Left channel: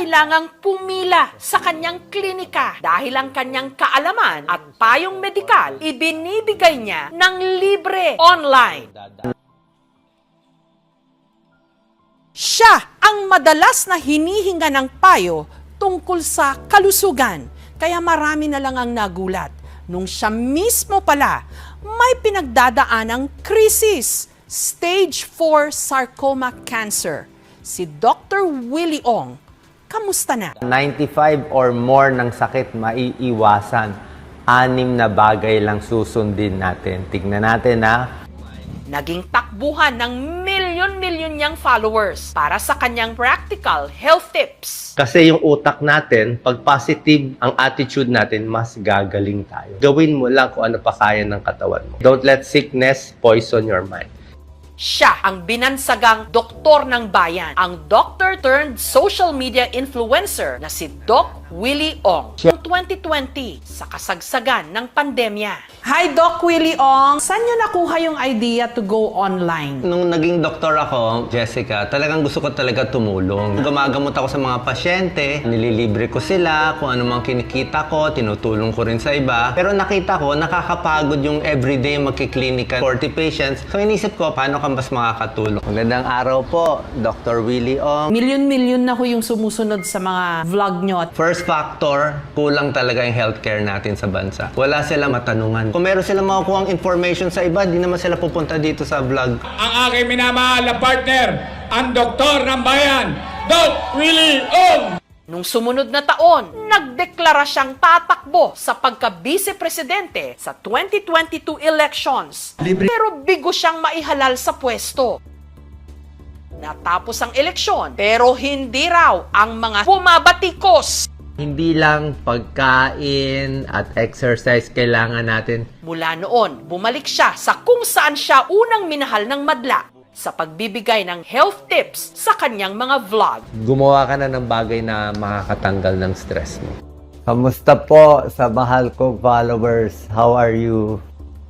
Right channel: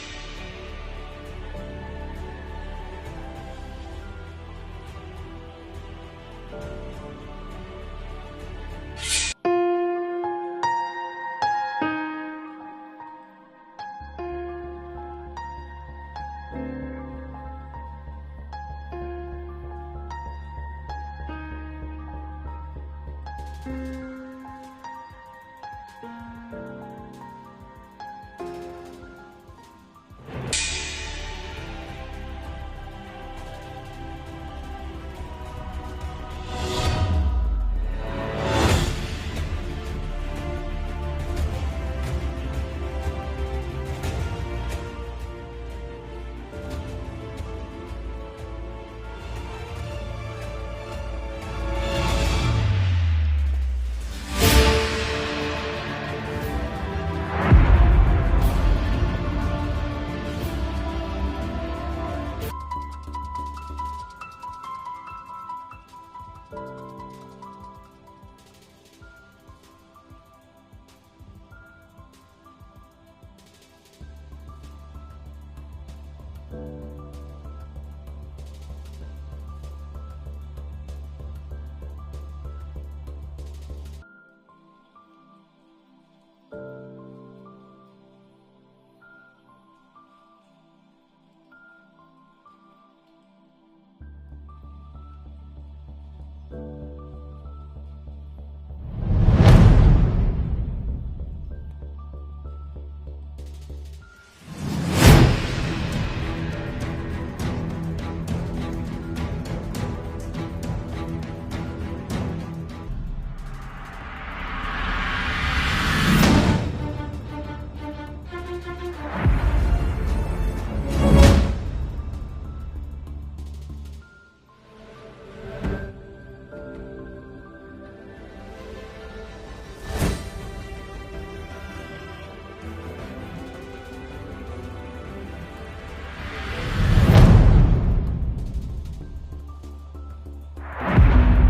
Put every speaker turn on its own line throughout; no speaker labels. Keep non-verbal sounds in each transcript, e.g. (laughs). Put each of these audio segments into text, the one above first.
kailangang pumila sa kanyang klinika dahil ang kanyang kaalaman at payong medikal ibinibigay niya ng libre online. Siya ang madalas na hinihinga ng payo tungkol sa kalusugan. Kaya marami na lang ang nagulat nung siya mismo pala may pinagdadaanang krisis, stage 4 sarcoma cancer. Si Dr. Willie Ong, kamusta na?
95 or more ng sakit maiiwasan. Anim na bagay lang susundin natin. Tignan natin ha.
Naging takbuhan ng milyon-milyon niyang followers para sa kanyang practical health tips.
Kasi yung utak natin, pag positive ang attitude natin, mas gagaling tayo. Gawin mo lang kung ano pa kaya ng katawan. Don't let sickness poison your mind.
Siya ang binansagang doktor ng bayan, ang doctor turned social media influencer na si Doc Willie Ong. Noong 2020, sa kasagsagan ng pandemya. Hi Doc Willie Ong! Saan niyo nakuha yung idea to go online?
Nung naging doktor ako, Jessica, talagang gusto ko talaga tumulong. Gumagamot ako sa mga pasyente, nililibre ko sila, kung ano mang kinikita ko, tinutulong ko rin sa iba. Pero nakita ko, nakakapagod yung everyday magkiklinika 40 patients. So inisip ko, paano ka mas makakatulong? Magandang araw po, Dr. Willie Ong.
Milyon-milyon na ho yung sumusunod sa mga vlog nyo.
First factor, kulang talaga yung healthcare natin sa bansa. Wala silang matanungan. Kung meron silang makukuha information sa iba, di naman sila pupunta dito sa vlog.
ang aking minamahal na partner, ang doktor ng bayan, Doc Willie Ong!
Noong sumunod na taon, nagdeklara siyang tatakbo sa pagka-vice-presidente sa 2022 elections. Pero bigo siyang maihalal sa pwesto. Natapos ang eleksyon, pero hindi raw ang mga bumabatikos.
Hindi lang pagkain at exercise kailangan natin.
Mula noon, bumalik siya sa kung saan siya unang minahal ng madla sa pagbibigay ng health tips sa kanyang mga vlog.
Gumawa ka na ng bagay na makakatanggal ng stress. Kamusta po sa mahal kong followers? How are you?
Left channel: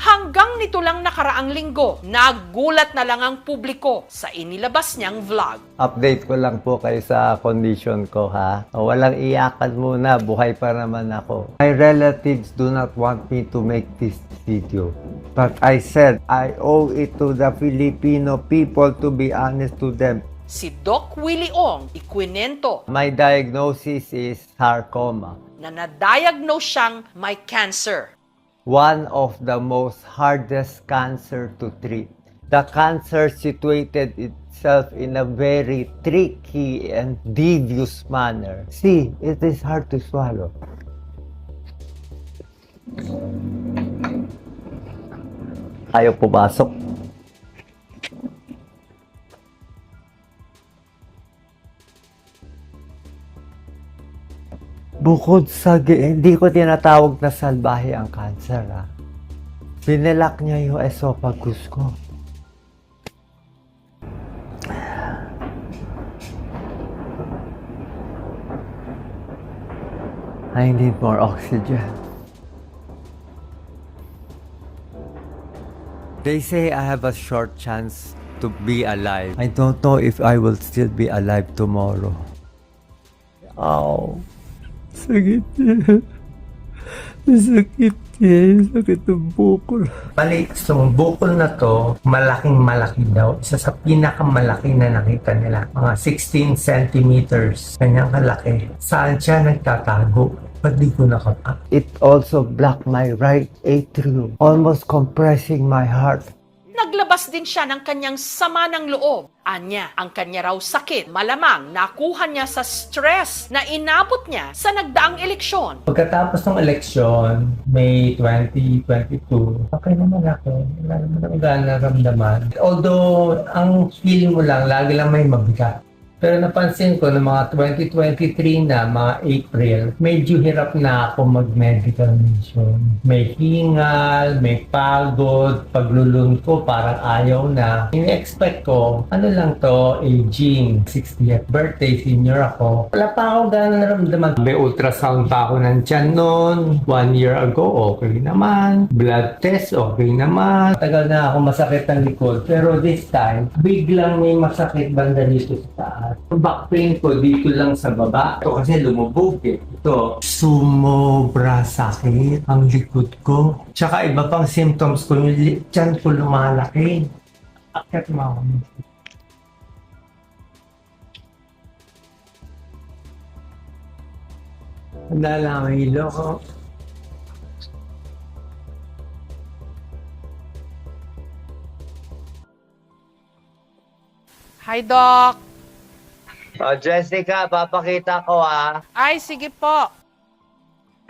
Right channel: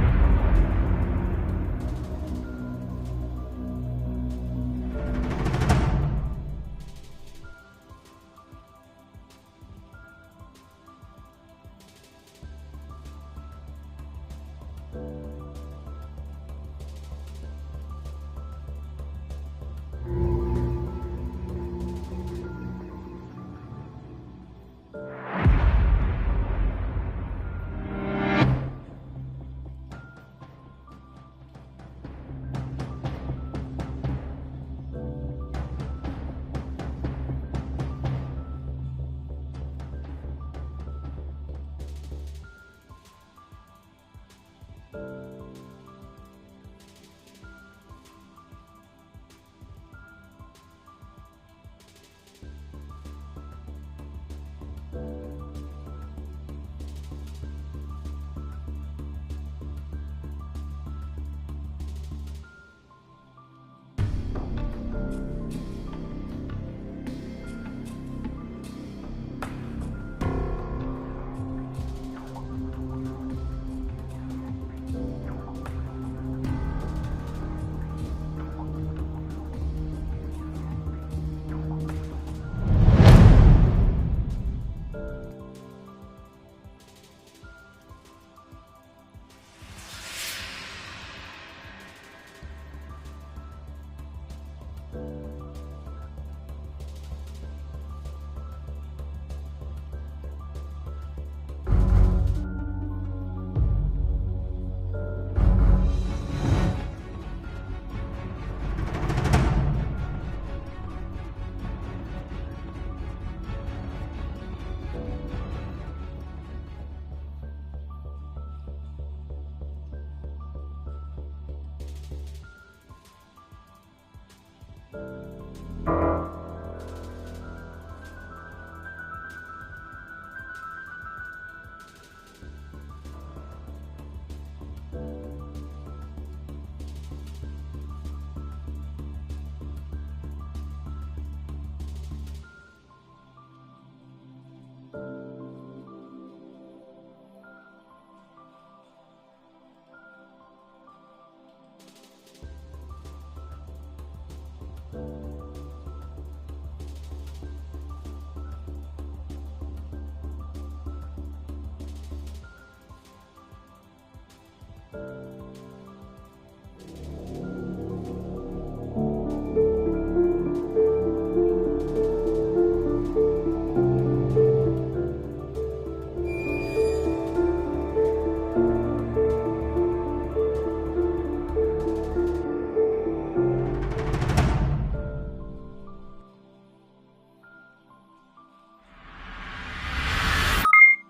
Hanggang nito lang nakaraang linggo, nagulat na lang ang publiko sa inilabas niyang vlog.
Update ko lang po kayo sa condition ko ha. Walang iyakan muna, buhay pa naman ako. My relatives do not want me to make this video. But I said, I owe it to the Filipino people to be honest to them.
Si Doc Willie Ong ikwinento
My diagnosis is sarcoma.
na na-diagnose siyang may cancer.
One of the most hardest cancer to treat. The cancer situated itself in a very tricky and devious manner. See, it is hard to swallow. Ayaw pumasok. Bukod sa, hindi ko tinatawag na salbahe ang cancer, ha. Binilak niya yung esophagus ko. I need more oxygen. They say I have a short chance to be alive. I don't know if I will still be alive tomorrow. Sakit niya. Sakit niya. Sakit ng bukol.
Bali, so, bukol na to, malaking malaki daw. Isa sa pinakamalaki na nakita nila. Mga 16 centimeters. Kanyang kalaki. Saan siya nagtatago? Ba't di ko nakapa?
It also blocked my right atrium, almost compressing my heart.
Naglabas din siya ng kanyang sama ng loob. Anya, ang kanya raw sakit, malamang nakuha niya sa stress na inabot niya sa nagdaang eleksyon.
Pagkatapos ng eleksyon, May 2022, okay naman ako. Wala naman ako gaano naramdaman. Although, ang feeling mo lang, lagi lang may mabigat. Pero napansin ko na mga 2023 na, mga April, medyo hirap na ako mag-medical mission. May hingal, may pagod, paglulun ko, parang ayaw na. In-expect ko, ano lang to, aging. 60th birthday, senior ako. Wala pa ako gano'n naramdaman. May ultrasound pa ako ng tiyan noon. One year ago, okay naman. Blood test, okay naman. Tagal na ako masakit ang likod. Pero this time, biglang may masakit banda dito sa taas. Back pain ko dito lang sa baba. Ito kasi lumubog eh. Ito, sumobra sakit ang likod ko. Tsaka iba pang symptoms ko, yung li- tiyan ko lumalaki. Mo ako. Wala lang ang ko.
Hi, Doc.
Oh, Jessica, papakita ko ah.
Ay, sige po.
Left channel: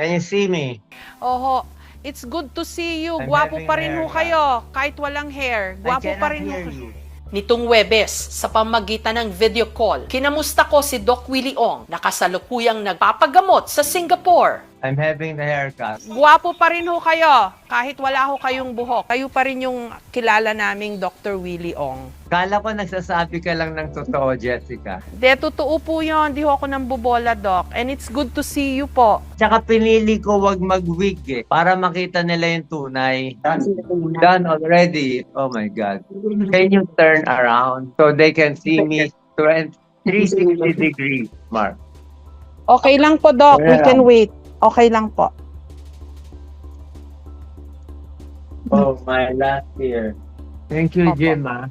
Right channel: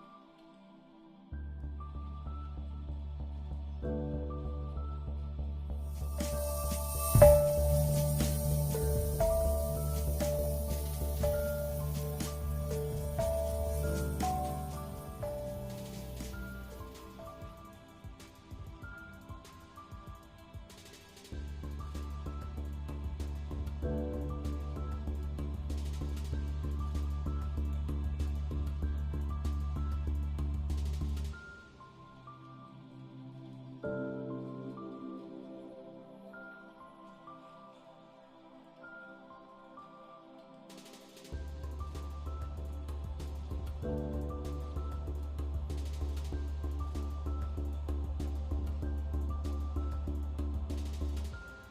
Can you see me?
Oho, it's good to see you.
I'm
Gwapo
having
pa rin
hair
ho kayo, kahit walang hair. Gwapo
I
pa
cannot
rin ho.
hear you.
Nitong Webes, sa pamagitan ng video call, kinamusta ko si Doc Willie Ong, nakasalukuyang nagpapagamot sa Singapore.
I'm having the haircut.
Gwapo pa rin ho kayo, kahit wala ho kayong buhok. Kayo pa rin yung kilala naming Dr. Willie Ong.
Kala ko nagsasabi ka lang ng totoo, Jessica.
De, totoo po yun. Di ho ako nang bubola, Doc. And it's good to see you po.
Tsaka pinili ko wag mag-wig eh, para makita nila yung tunay. Done already. Oh my God. Can you turn around so they can see me 20 360 degrees, Mark?
Okay lang po, Doc. We can wait. Okay lang po.
Oh, my last year. Thank you,
Opo.
Jim. ah.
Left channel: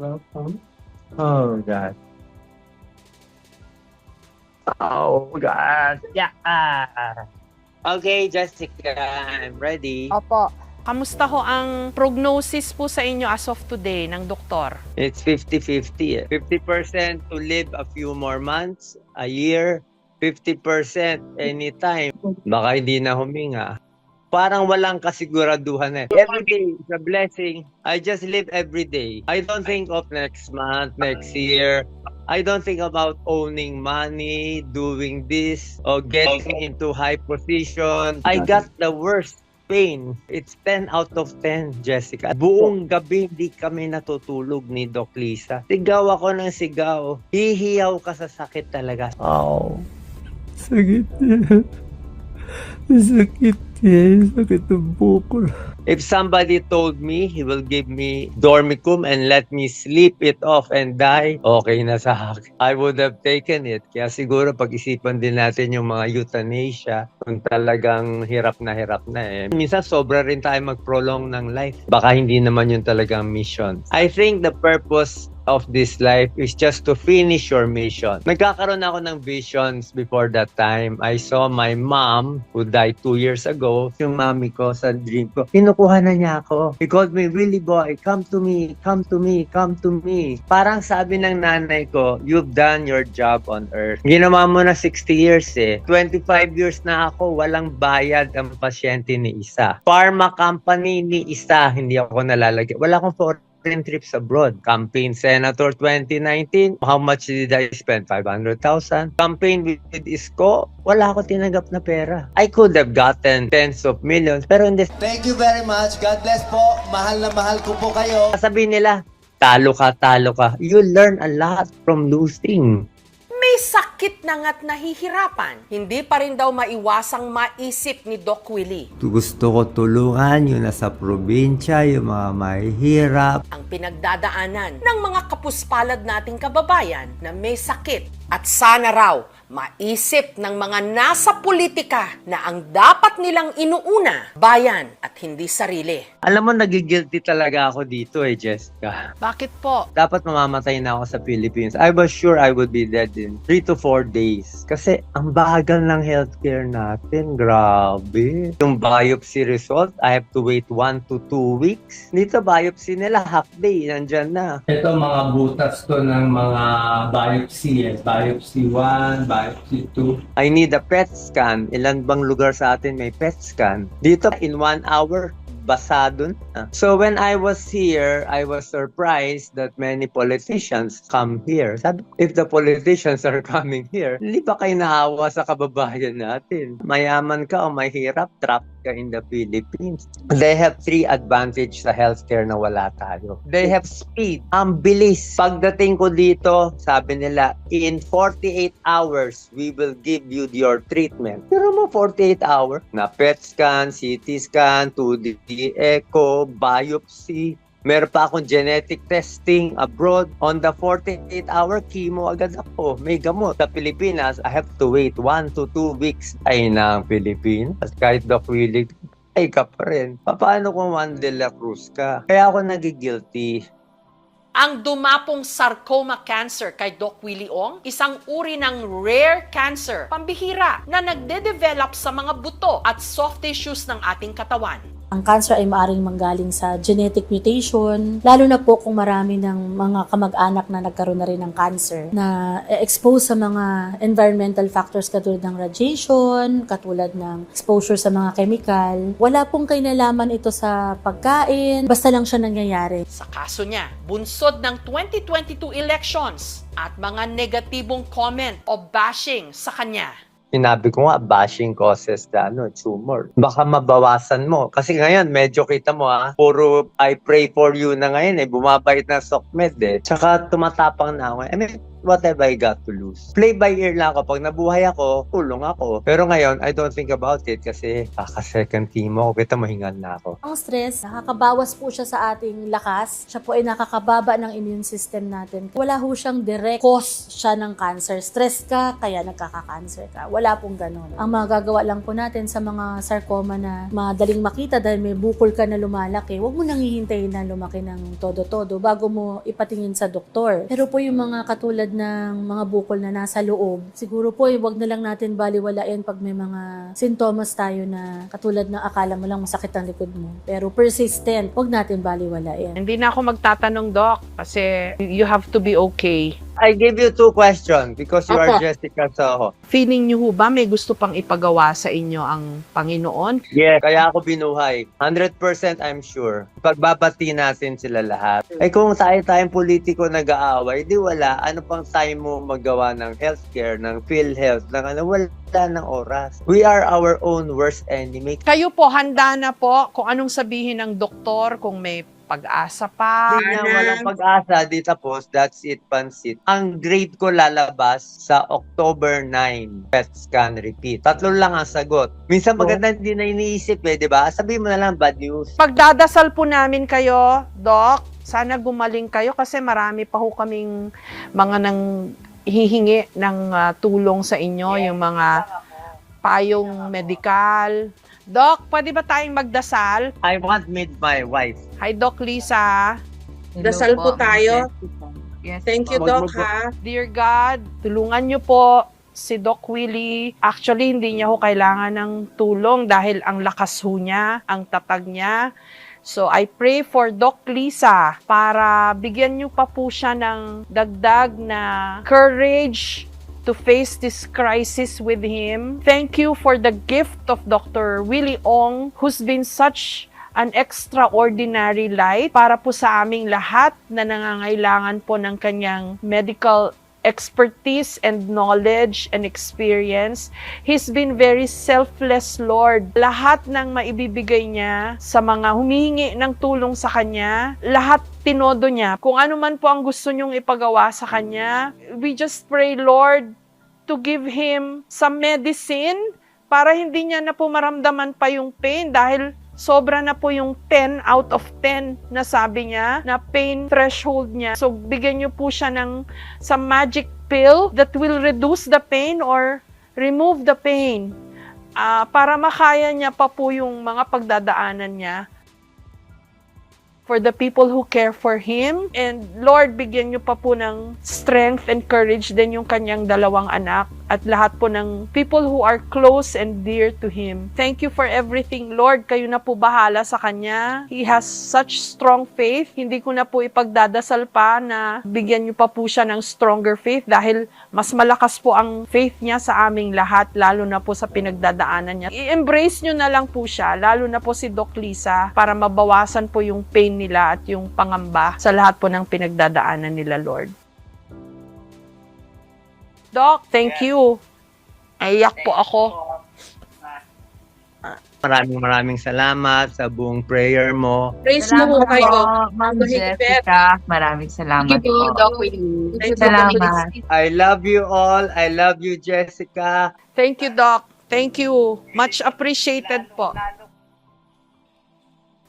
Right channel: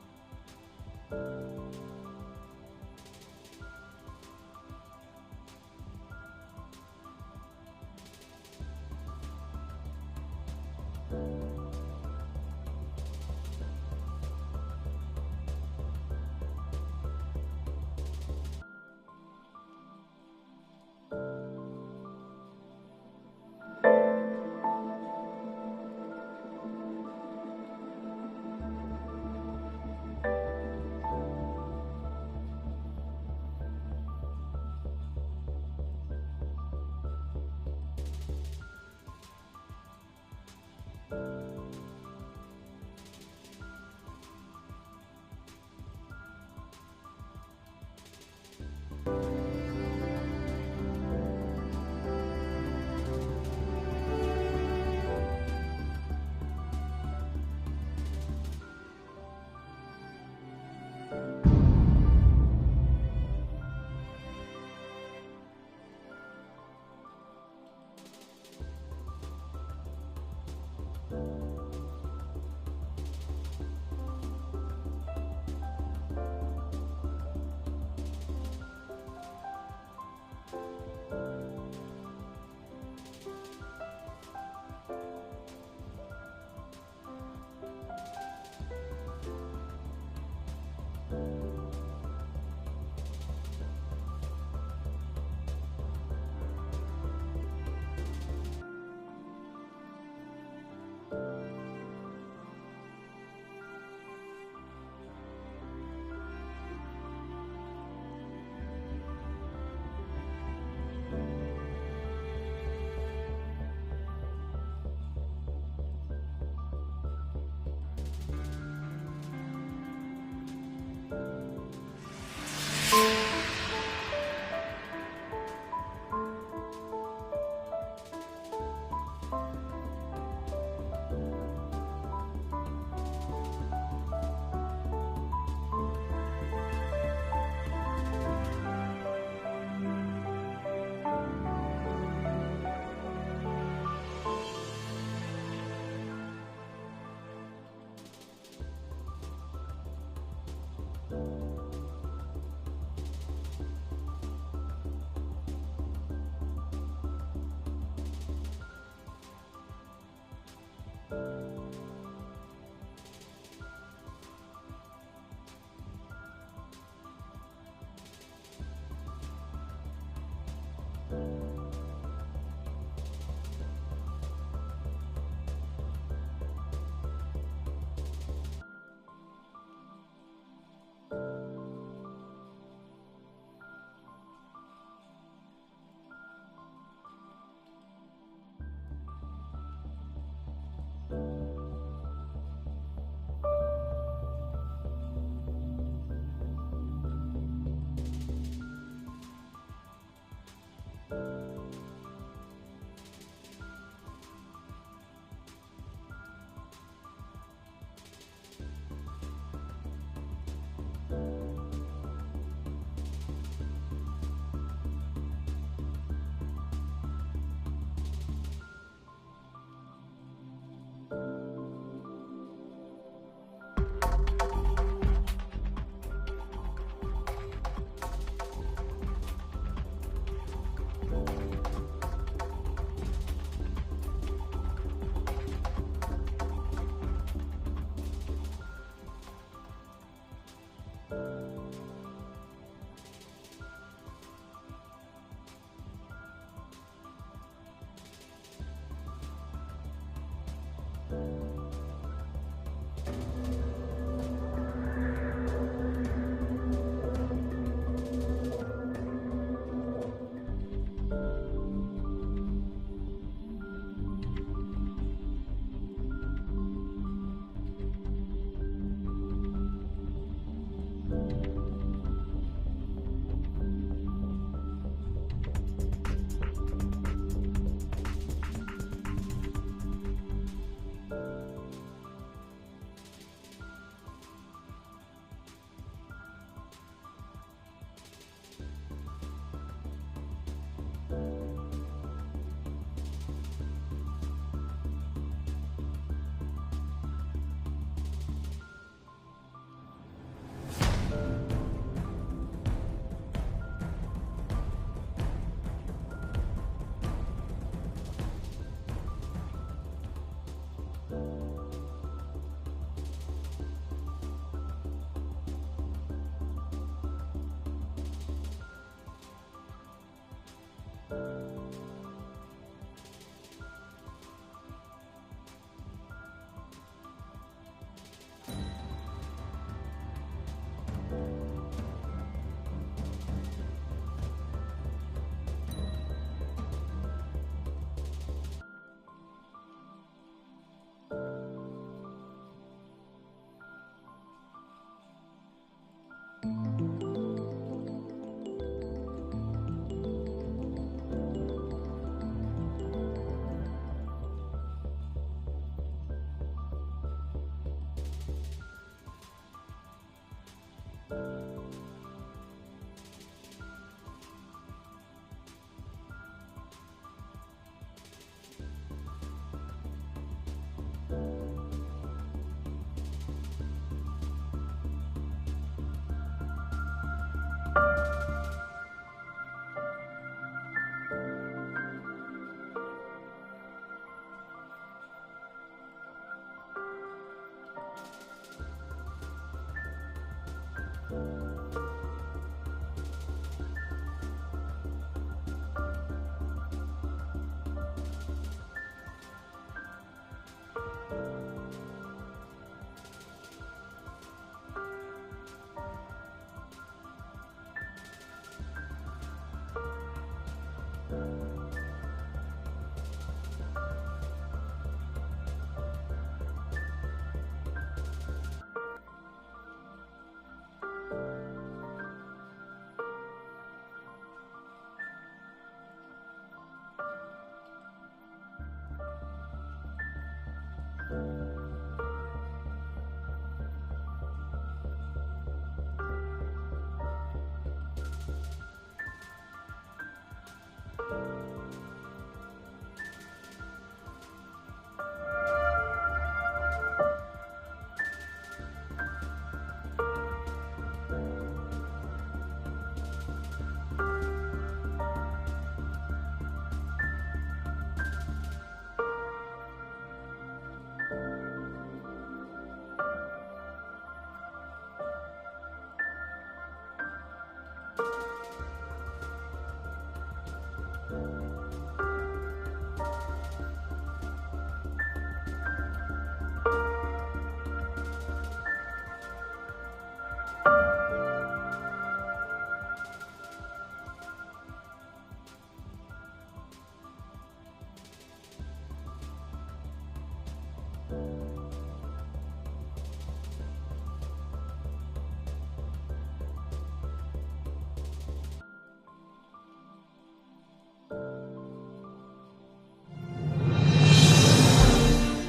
Welcome. Oh, God. Oh, God. Yeah. Okay, Jessica, I'm ready.
Opo. Kamusta ho ang prognosis po sa inyo as of today ng doktor?
It's 50-50. eh. 50% to live a few more months, a year. 50% anytime. Baka hindi na huminga. Parang walang kasiguraduhan eh. Every day is a blessing. I just live every day. I don't think of next month, next year. I don't think about owning money, doing this, or getting into high position. I got the worst pain. It's 10 out of 10, Jessica. Buong gabi hindi kami natutulog ni Doc Lisa. Sigaw ako ng sigaw. Hihiyaw ka sa sakit talaga.
Oh. Sakit. Sakit yan. Sakit ang buko.
If somebody told me he will give me dormicum and let me sleep it off and die, okay na sa akin. I would have taken it. Kaya siguro pag-isipan din natin yung mga euthanasia kung talagang hirap na hirap na eh. Minsan sobra rin tayo mag-prolong ng life. Baka hindi naman yun talagang mission. I think the purpose of this life is just to finish your mission. Nagkakaroon ako ng visions before that time. I saw my mom who died two years ago. Yung mami ko sa dream ko, kinukuha na niya ako. He called me, Willie boy, come to me, come to me, come to me. Parang sabi ng nanay ko, you've done your job on earth. Ginawa mo na 60 years eh. 25 years na ako, walang bayad ang pasyente ni isa. Pharma company ni isa, hindi ako nalalagay. Wala akong foreign trips abroad. Campaign Senator 2019, how much did I spend? 500,000. Campaign with Isko, wala ako tinanggap na pera. I could have gotten tens of millions, pero hindi.
Thank you very much. God bless po. Mahal na mahal ko po kayo.
Sabihin nila, talo ka, talo ka. You learn a lot from losing.
May sakit na nga't nahihirapan. Hindi pa rin daw maiwasang maisip ni Doc Willie.
Gusto ko tulungan yung nasa probinsya, yung mga mahihirap.
ang pinagdadaanan ng mga kapuspalad nating kababayan na may sakit at sana raw maisip ng mga nasa politika na ang dapat nilang inuuna, bayan at hindi sarili.
Alam mo, nagigilty talaga ako dito eh, Jessica.
Bakit po?
dapat mamamatay na ako sa Philippines. I was sure I would be dead in 3 to 4 days. Kasi ang bagal ng healthcare natin. Grabe. Yung biopsy result, I have to wait 1 to 2 weeks. Dito, biopsy nila, half day, nandyan na.
Ito mga butas to ng mga biopsy eh. Biopsy 1, biopsy 2.
I need a PET scan. Ilan bang lugar sa atin may PET scan? Dito, in 1 hour, basado na. So when I was here, I was surprised that many politicians come here. Sabi, if the politicians are (laughs) coming here, hindi ba kayo naawa sa kababayan natin? Mayaman ka o mahirap, trap ka in the Philippines. They have three advantage sa healthcare na wala tayo. They have speed. Ang bilis. Pagdating ko dito, sabi nila, in 48 hours, we will give you your treatment. Pero mo 48 hours, na PET scan, CT scan, 2D echo, biopsy, Meron pa akong genetic testing abroad. On the 48-hour chemo agad ako. May gamot. Sa Pilipinas, I have to wait 1 to 2 weeks. Ay na Pilipinas. Kahit Doc Willie, ay ka pa rin. Paano kung Juan de la Cruz ka? Kaya ako nagigilty.
Ang dumapong sarcoma cancer kay Doc Willie Ong, isang uri ng rare cancer, pambihira, na nagde-develop sa mga buto at soft tissues ng ating katawan.
Ang cancer ay maaring manggaling sa genetic mutation, lalo na po kung marami ng mga kamag-anak na nagkaroon na rin ng cancer na expose sa mga environmental factors katulad ng radiation, katulad ng exposure sa mga chemical. Wala pong kinalaman ito sa pagkain, basta lang siya nangyayari.
Sa kaso niya, bunsod ng 2022 elections at mga negatibong comment o bashing sa kanya.
Sinabi ko nga, bashing causes the ano, tumor. Baka mabawasan mo. Kasi ngayon, medyo kita mo ha, puro I pray for you na ngayon eh, bumabait na SOCMED eh. Tsaka tumatapang na ako. I mean, what have I got to lose? Play by ear lang ako. Pag nabuhay ako, tulong ako. Pero ngayon, I don't think about it kasi kaka-second team ako. Kita mo, hingal na ako.
Ang stress, nakakabawas po siya sa ating lakas. Siya po ay nakakababa ng immune system natin. Wala ho siyang direct cause siya ng cancer. Stress ka, kaya nagkaka-cancer ka. Wala pong ganun. Ang magagawa lang po natin sa mga sarcoma na madaling makita dahil may bukol ka na lumalaki, huwag mo nang hihintayin na lumaki ng todo-todo bago mo ipatingin sa doktor. Pero po yung mga katulad ng mga bukol na nasa loob, siguro po eh, huwag na lang natin baliwalain pag may mga sintomas tayo na katulad ng akala mo lang masakit ang likod mo. Pero persistent, huwag natin baliwalain.
Hindi na ako magtatanong, Doc, kasi you have to be okay.
I give you two questions because you are
Opo.
Jessica Soho.
Feeling niyo ho ba may gusto pang ipagawa sa inyo ang Panginoon?
Yes, kaya ako binuhay. 100% I'm sure. Pagbabati natin sila lahat. Eh kung tayo tayong politiko nag-aaway, di wala. Ano pang tayo mo magawa ng healthcare, ng PhilHealth, ng ano, wala ng oras. We are our own worst enemy.
Kayo po, handa na po kung anong sabihin ng doktor, kung may pag-asa pa.
Hindi na walang pag-asa, di tapos, that's it, pansit. Ang grade ko lalabas sa October 9, PET scan repeat. Tatlo lang ang sagot. Minsan maganda hindi na iniisip eh, di ba? Sabihin mo na lang bad news.
Pagdadasal po namin kayo, Doc, sana gumaling kayo kasi marami pa ho kaming mga nang hihingi ng ah, tulong sa inyo, yung mga payong medikal. Doc, pwede ba tayong magdasal?
I want meet my wife.
Hi, Doc Lisa.
Dasal po tayo. Thank you, Doc, ha?
Dear God, tulungan niyo po si Doc Willie. Actually, hindi niya ho kailangan ng tulong dahil ang lakas ho niya, ang tatag niya. So, I pray for Doc Lisa para bigyan niyo pa po siya ng dagdag na courage to face this crisis with him. Thank you for the gift of Dr. Willie Ong who's been such an extraordinary light para po sa aming lahat na nangangailangan po ng kanyang medical expertise and knowledge and experience. He's been very selfless, Lord. Lahat ng maibibigay niya sa mga humihingi ng tulong sa kanya, lahat tinodo niya. Kung ano man po ang gusto niyong ipagawa sa kanya, we just pray, Lord, to give him some medicine para hindi niya na po maramdaman pa yung pain dahil sobra na po yung 10 out of 10 na sabi niya na pain threshold niya. So bigyan niyo po siya ng some magic pill that will reduce the pain or remove the pain ah, para makaya niya pa po yung mga pagdadaanan niya. For the people who care for him. And Lord, bigyan niyo pa po ng strength and courage din yung kanyang dalawang anak at lahat po ng people who are close and dear to him. Thank you for everything, Lord. Kayo na po bahala sa kanya. He has such strong faith. Hindi ko na po ipagdadasal pa na bigyan niyo pa po siya ng stronger faith dahil mas malakas po ang faith niya sa aming lahat, lalo na po sa pinagdadaanan niya. I-embrace niyo na lang po siya, lalo na po si Doc Lisa, para mabawasan po yung pain nila at yung pangamba sa lahat po ng pinagdadaanan nila, Lord. Doc, thank you. Aiyak po ako.
Maraming maraming salamat sa buong prayer mo.
Praise mo po kayo.
Ma'am. Jessica, maraming salamat
Thank you
po.
Doc Willie. Thank you, Doc
Salamat.
I love you all. I love you, Jessica.
Thank you, Doc. Thank you. Much appreciated po.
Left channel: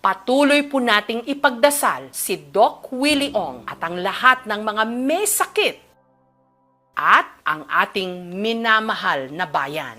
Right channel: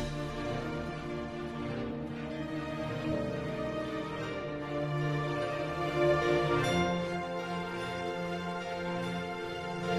Patuloy po nating ipagdasal si Doc Willie Ong at ang lahat ng mga may sakit at ang ating minamahal na bayan.